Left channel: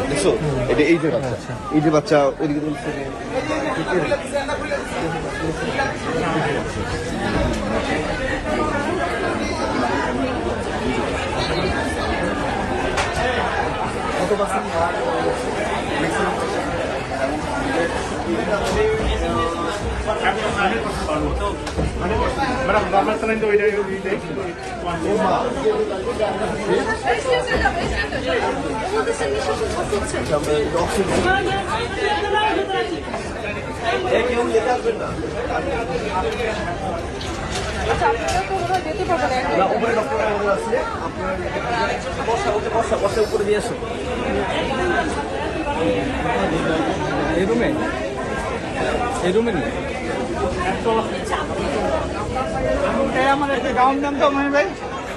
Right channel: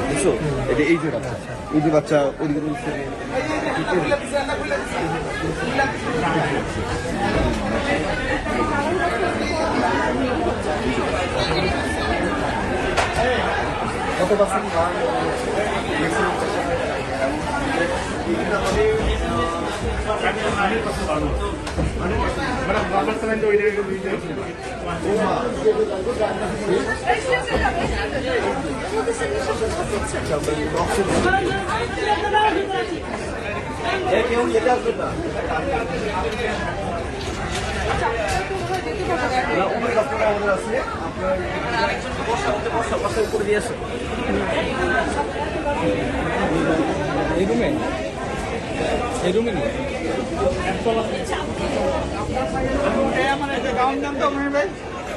দেখছ এটা এই যে বাচ্চা এই যে বাচ্চা ওদিকে কত পার্সেন্ট না উপরে ডক্টর আমাদের আছে আপনার আশেপাশে উপরে দিয়ে এসো এই রুমে এই রুমে নেই।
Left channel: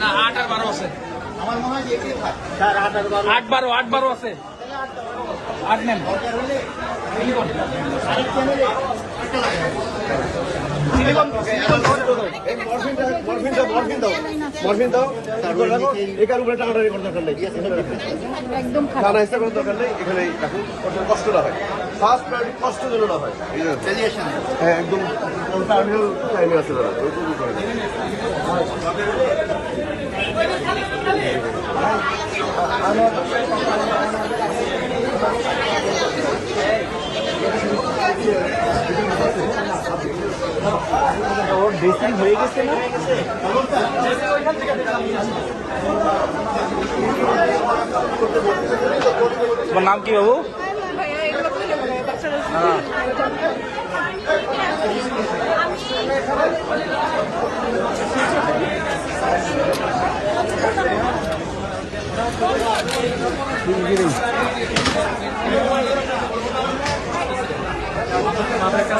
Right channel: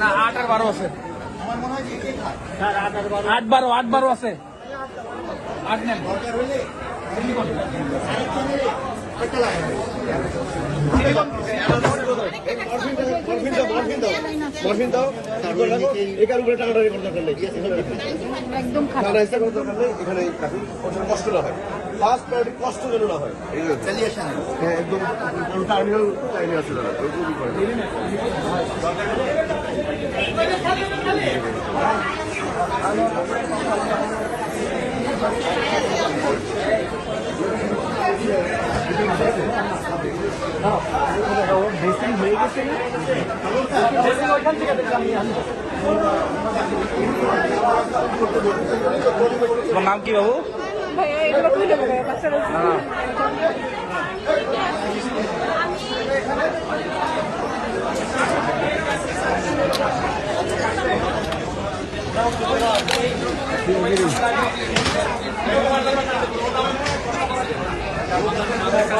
না আট আর বারো আছে। আট বারো আট বারো আছে। আট নেন। কষ্ট- না হয় ফার্স্ট প্রায়োরিটি কষ্ট যেন না হয় হ্যাঁ একদম টার্মিনাল টার্মিনাল আছে দাদা ওরকমই করে দিন। ড্রেসিং হয়ে গেছে না তোমার নাম কি বাবু এগুলো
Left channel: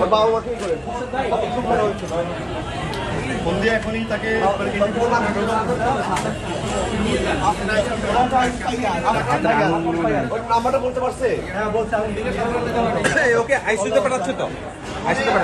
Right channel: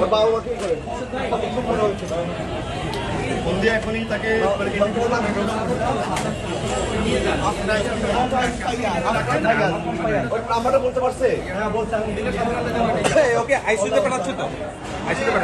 ওর বাবা করেন মনে হচ্ছে ফোন এখনই তাকে নাম্বারটা বলতে পারছে? ওকে আইসিউতে পাঠাচ্ছ তো? আইসিউতে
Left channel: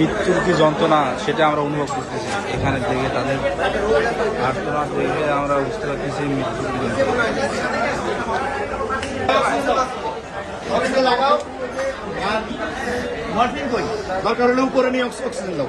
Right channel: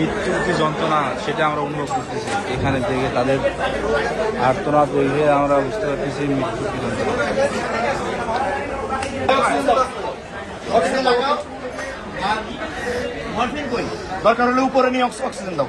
মৃত্যুর যে যন্ত্রণা সেটা আমরা অনুভব করতেছি। এখানে থেকে তাদের আর্তনাদ দেখে আমরা বুঝতে পারতেছি মৃত্যুর কি যন্ত্রণা। অক্সিজেন দাও।